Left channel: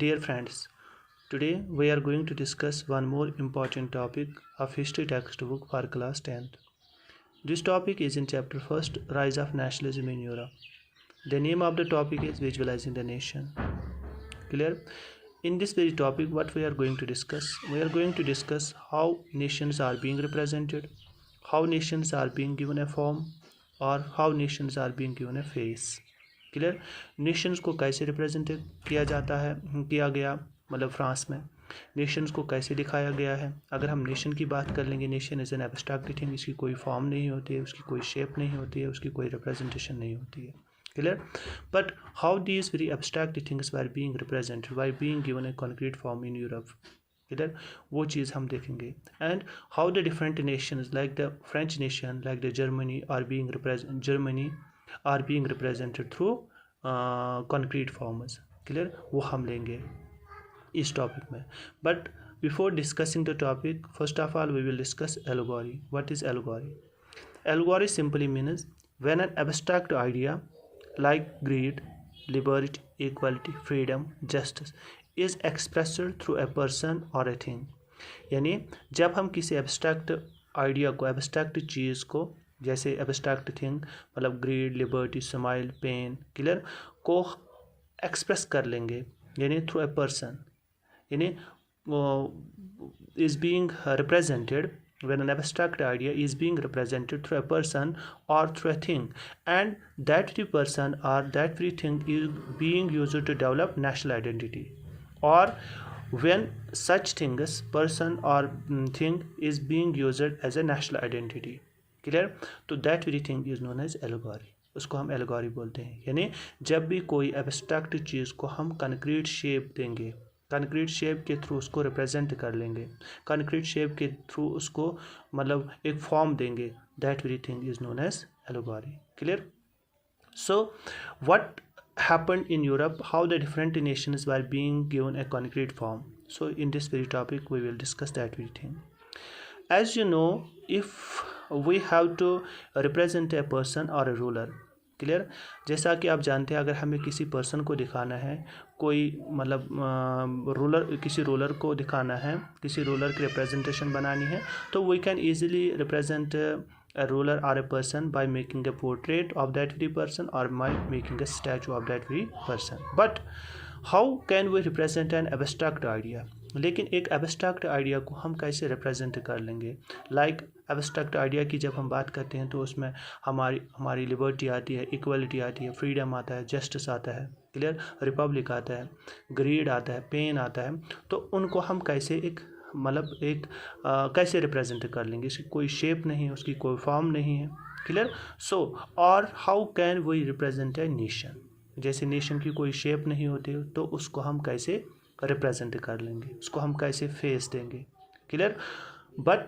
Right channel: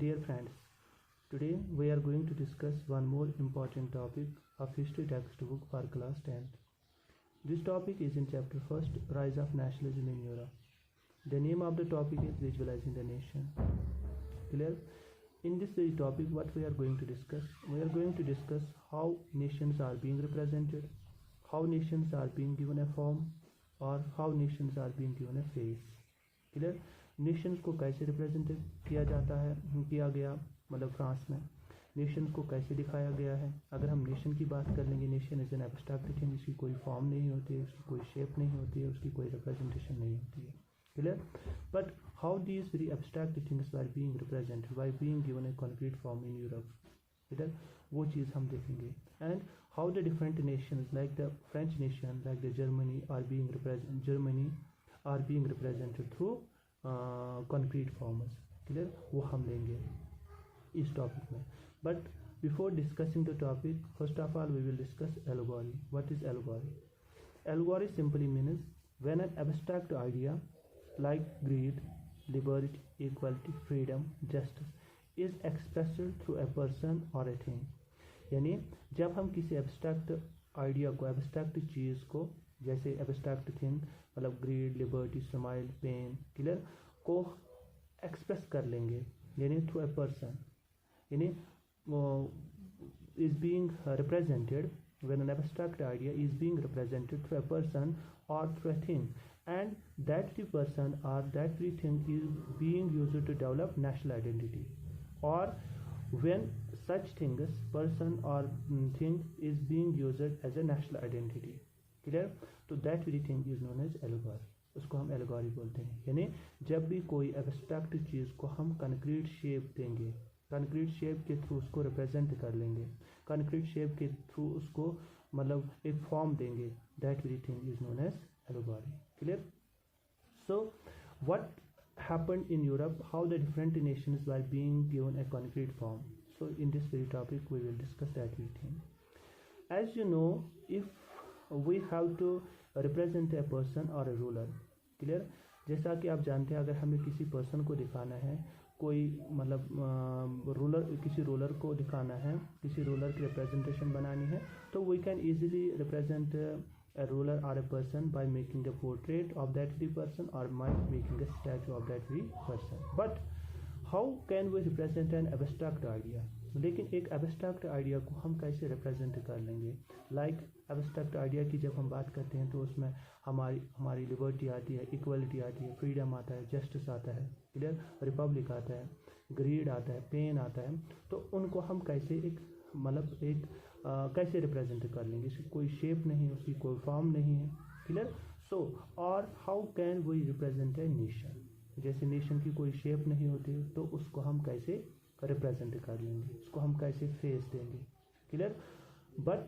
Dear friends, today we are going to discuss one more important topic of history textbook for class 10th. This topic is in chapter 1st, Rise of Nationalism in Europe. The name of the topic is Visualizing the Nation. Clear? In this very topic, what we are going to discuss? We are going to discuss how nations are being represented, how nations are being given a form, और how nations are being given a face. Clear? Nations को कैसे represent किया जाता है किया गया मतलब France में नेशंस को कैसे दिखाया गया है. अगर हम नेशन की बात कर लेंगे, nation is an abstract thing, इसकी कोई फॉर्म नहीं होती है, उसकी कोई शेप नहीं होती है, उसकी कोई रिप्रेजेंटेशन नहीं होती है. Clear? But how these very abstract things were being represented by being given a concrete form in Europe. इधर वो चीज़ हम देखेंगे. And how the different nations like the French nation, like the Germany are being represented through concrete forms. Clear? वो हम लेंगे इस topic में. But before discussing the topic, first of all we will discuss allegory. What is allegory? Allegory simply means when an abstract idea like greed, liberty, equality, freedom, justice is expressed through a person or a thing. यानी जब हम किसी abstract idea को, abstract चीज़ को, जैसे abstract thing मतलब greed, liberty, smile, pain, clear, को एक्सप्रेस कर लेंगे यानी थ्रू ए पर्सन, यानी is being represented when an abstract idea is being represented through a person or through a thing, and that very person or that very thing is being used to develop national identity, or when such things, person or thing is being used as a national identity. Clear? तो that very thing is known as allegory. उसको हम एलगोरी बोलते हैं. यानी जब भी कोई abstract चीज़ को हम कंक्रीट शेप देंगे, कंक्रीट शेप के थ्रू उसको रिप्रेजेंट कर लेंगे, कंक्रीट शेप के थ्रू उसको मतलब एक फॉर्म देंगे, that very thing is known as allegory. Clear? So what happened in Europe, how the different nations were being given a concrete form. So in this very topic we will discuss that very thing. As you know, if we have to represent a person or a ruler, clear, जैसा कि आप जानते हैं अगर हमें किसी person को दिखाना है, कोई मतलब रूलर, किसी रूलर को दिखाना है, किसी रूलर की रिप्रेजेंटेशन बनानी है, तो we can easily represent a ruler or a person by making a portrait of that very person or by making a statue of that very person. But how can we represent an abstract idea? लेकिन एक abstract idea को हम कैसे represent कर लेंगे? Like abstract idea की जब हम बात करते हैं तो उसमें हमारी लिबर्टी आती है, इक्वलिटी आती है, फ्रीडम आता है, जस्टिस आता है, क्लियर, रिपब्लिक आता है, ग्रीड आता है, पेन आता है. तो उनको हम कैसे एक कैसे रिप्रेजेंट कर लेंगे? इसकी कोई शेप नहीं है, उसकी कोई फॉर्म नहीं है. क्लियर? सो और how can we represent a nation? जैसे नेशन की कोई शेप नहीं होती तो उसको हम कैसे रिप्रेजेंट कर लेंगे, उसको हम कैसे फेस देंगे? Clear? But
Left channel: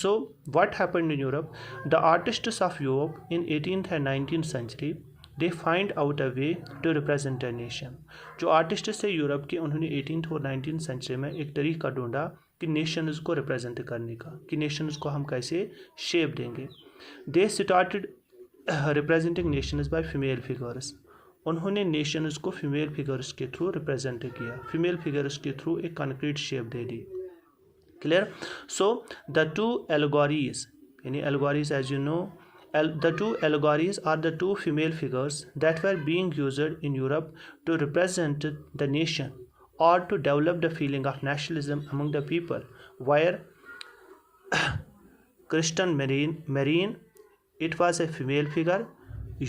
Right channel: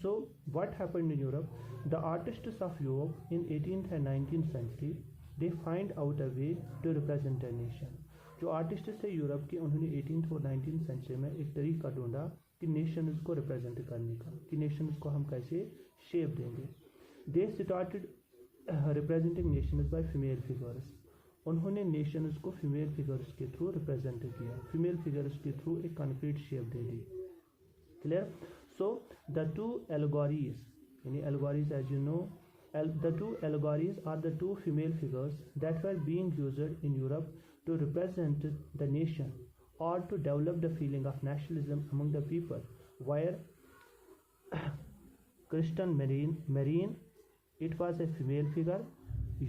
so what happened in Europe, the artists of Europe in 18th and 19th century they find out a way to represent a nation. जो आर्टिस्ट थे यूरोप के, उन्होंने 18th और 19th सेंचुरी में एक तरीका ढूंढा कि नेशंस को रिप्रेजेंट करने का, कि नेशंस को हम कैसे शेप देंगे. They started representing nations by female figures. उन्होंने नेशंस को फीमेल फिगर्स के थ्रू रिप्रेजेंट किया, फीमेल फिगर्स के थ्रू एक कंक्रीट शेप दे दी. Clear? So the two allegories, यानी allegories as you know, the two allegories are the two female figures that were being used in Europe to represent the nation or to develop the feeling of nationalism among the people. Where Christian Marine, it was a female figure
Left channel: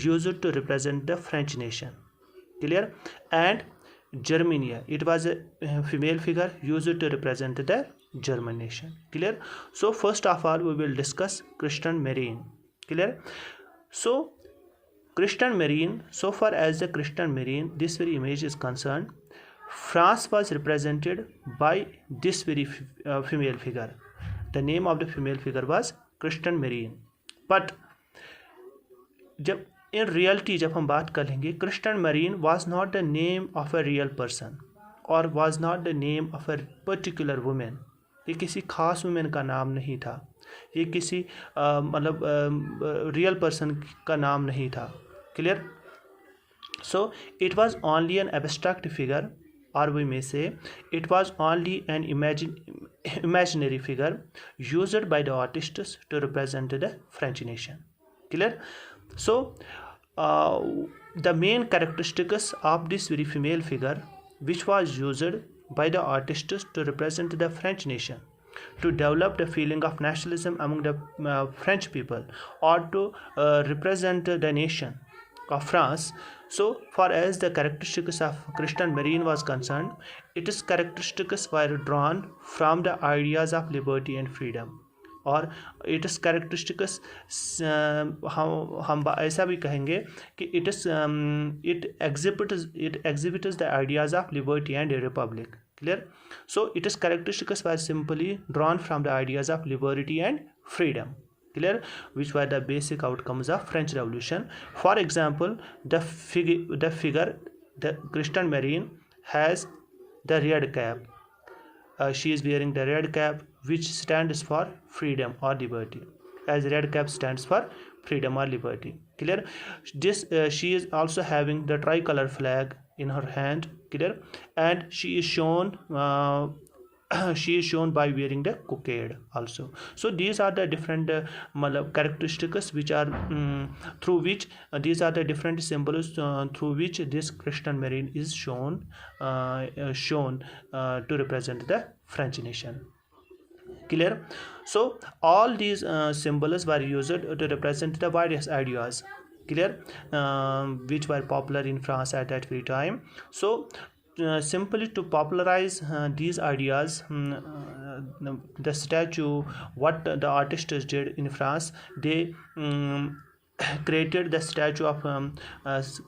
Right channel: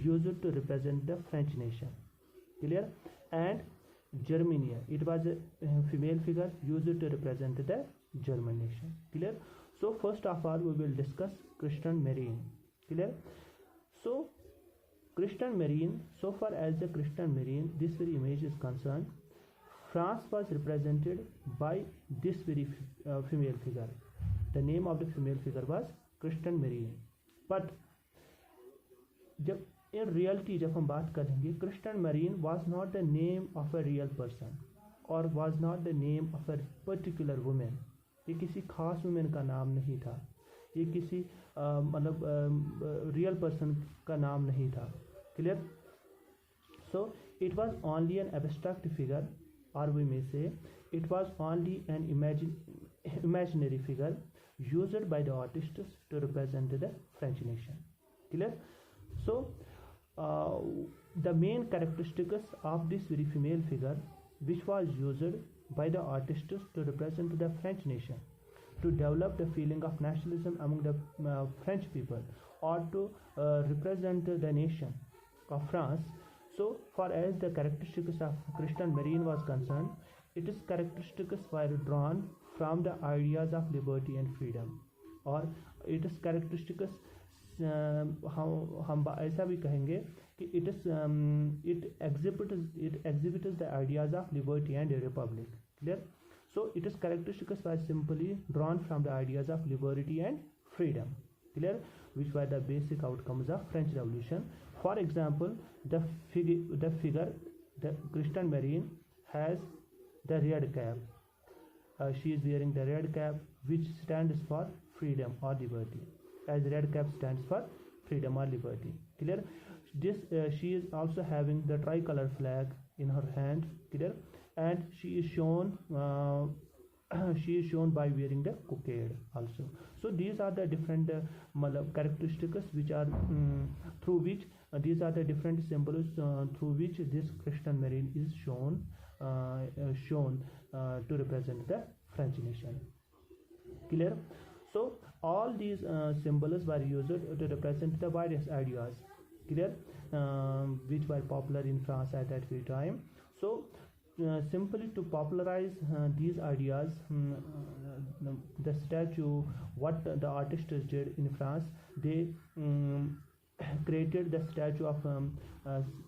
used to represent the French nation. Clear? And Germania, it was a female figure used to represent the German nation. Clear? So first of all we will discuss Christian Marine. Clear? So Christian Marine, so far as the Christian Marine this very image is concerned, France was represented by this very female figure. The name of the female figure was Christian Marine. But जब in reality जब हम बात करेंगे, Christian Marine was not the name of a real person or was not the name of a particular woman. ये किसी खास women का नाम नहीं था, ये किसी मतलब रियल पर्सन का नाम नहीं था. Clear? So it was only an abstract figure or we may say it was only an imaginary figure used by the artists to represent the French nation. Clear? So uh, the main characteristics of this very female figure, which was used by the artists to represent the French nation, to develop the feeling of nationalism among the French people, or to represent the nation of France. So far as the characteristics of Christian Marine was concerned, its characteristics were drawn from the ideas of liberty and freedom, और it's characteristics हम ऐसा भी कहेंगे कि it exhibits the ideas of liberty and Republic. Clear? So its characteristics were simply drawn from the ideas of liberty and freedom. Clear? Which were the basic outcomes of French Revolution. For example, the figure, the Christian Marine, has the red cap. She is wearing the red cap, which stands for freedom or liberty, as red cap stands for freedom or liberty. Clear? This she is also having the tricolor flag in her hand. Clear? And she is shown she is shown by wearing the cockade also. So these are the different characteristics which are through which these are the different symbols through which this Christian Marine is shown to represent the French nation. Clear? So all these symbols were used to represent the various ideas. Clear? Which were popular in France at that very time. So simply to popularize these ideas, the statue, what the artists did in France, they created the statue of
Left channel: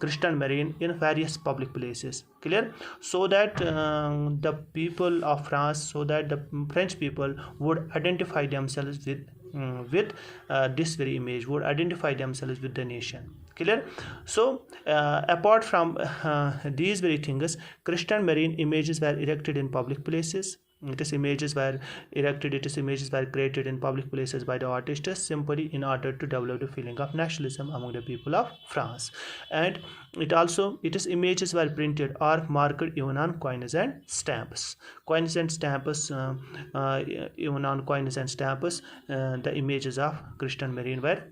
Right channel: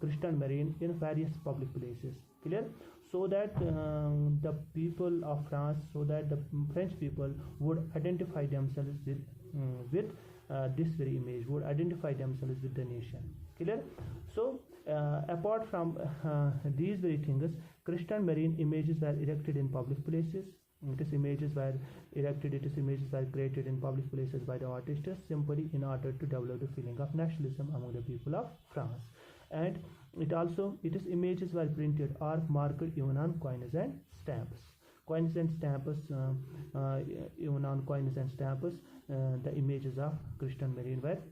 Christian Marine in various public places. Clear? So that the people of France, so that the French people would identify themselves with this very image, would identify themselves with the nation. Clear? So apart from these very things, Christian Marine images were erected in public places. Its images were created in public places by the artists simply in order to develop the feeling of nationalism among the people of France. And its images were printed or marked even on coins and stamps. Even on coins and stamps, the images of Christian Marine were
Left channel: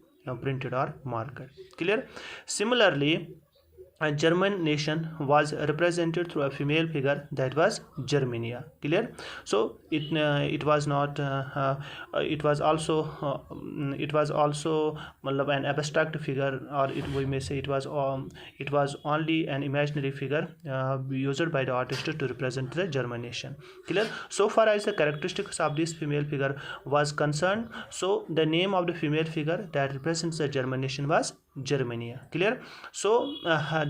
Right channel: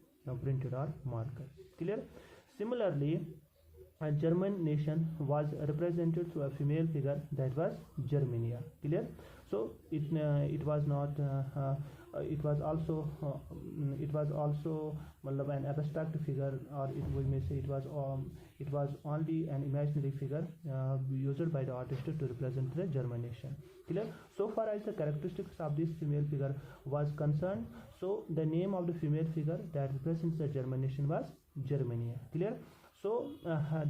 printed or marked. Clear? Similarly, a German nation was represented through a female figure, that was Germania. Clear? So it was not it was also an abstract figure, or we may say it was only an imaginary figure used by the artist to represent the German nation. Clear? So far as the characteristics of this female figure was concerned, so the name of the female figure that represents the German nation was Germania. Clear? So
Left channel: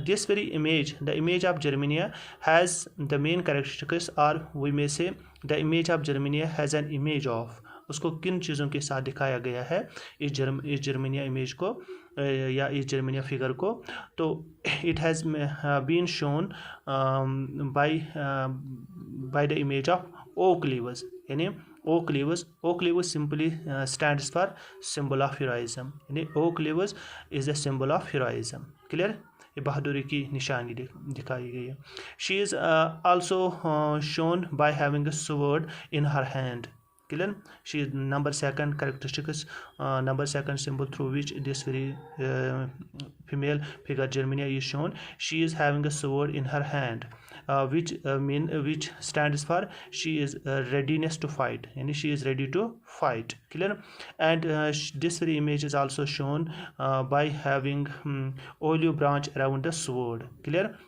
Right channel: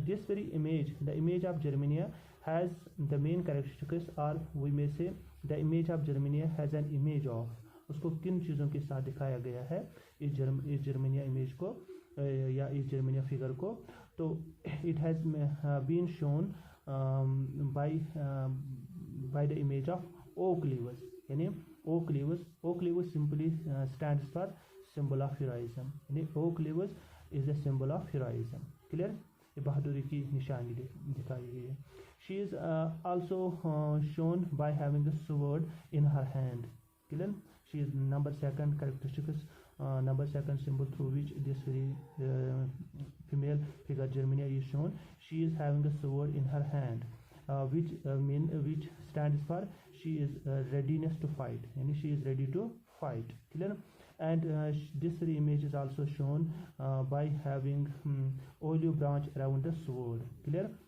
this very image, the image of Germania, has the main characteristics, or we may say the image of Germania has an image of, उसको किन चीज़ों के साथ दिखाया गया है इस Germania image को या इस जर्मनिया फिगर को. तो it has been shown by the image of oak leaves. यानी oak leaves simply stands for symbol of heroism. यानी oak leaves is a symbol of heroism. Clear? ये बहादुरी की निशानी दिखाई गई है. She is also shown by having a sword in her hand. Clear? She is number second symbol through which this very female figure Germania is shown. She is having a sword in her hand, which stands for she is readiness to fight, and she is ready to fight. Clear? And this very image is also shown by having olive branch around the sword. Clear?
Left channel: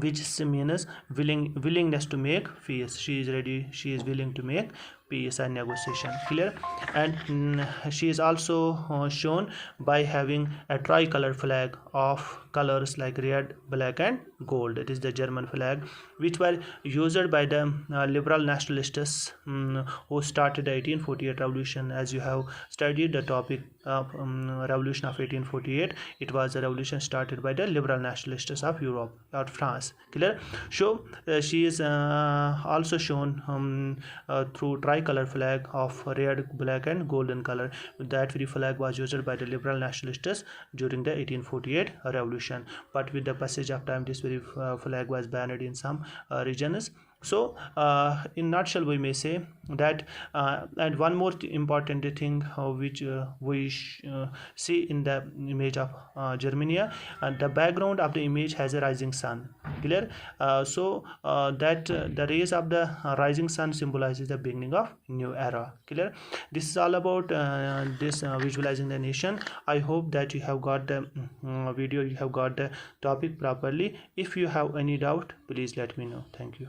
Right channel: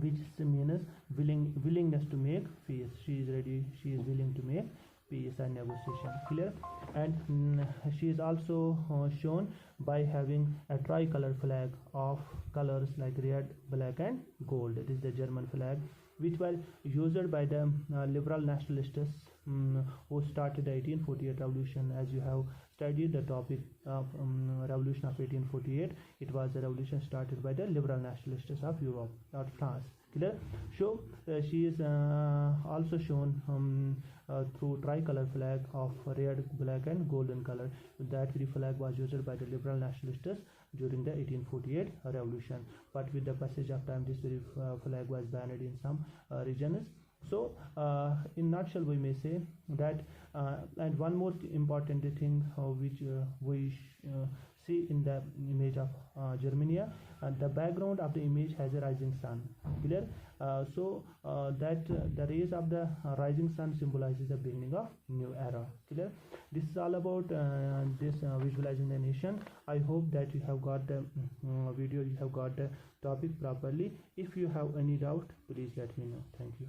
Which means willingness to make peace. She is ready, she is willing to make peace and negotiation. Clear? And she is also shown by having a tricolor flag of colors like red, black and gold. It is the German flag, which were used by the liberal nationalists who started the 1848 revolution. As you have studied the topic of revolution of 1848, it was a revolution started by the liberal nationalists of Europe or France. Clear? So she is also shown through tricolor flag of red, black and golden color. That very flag was used by the liberal nationalists during the 1848 revolution. But with the passage of time, this Raspberry flag was banned in some regions. So in nutshell we may say that and one more important thing which we see in the image of Germania, and the background of the image has a rising sun. Clear? That the rays of the rising sun symbolizes the beginning of new era. Clear? This is all about this visualizing the nation. I hope that you have got the video, you have got the topic properly. If you have any doubt, please let me know. Thank you.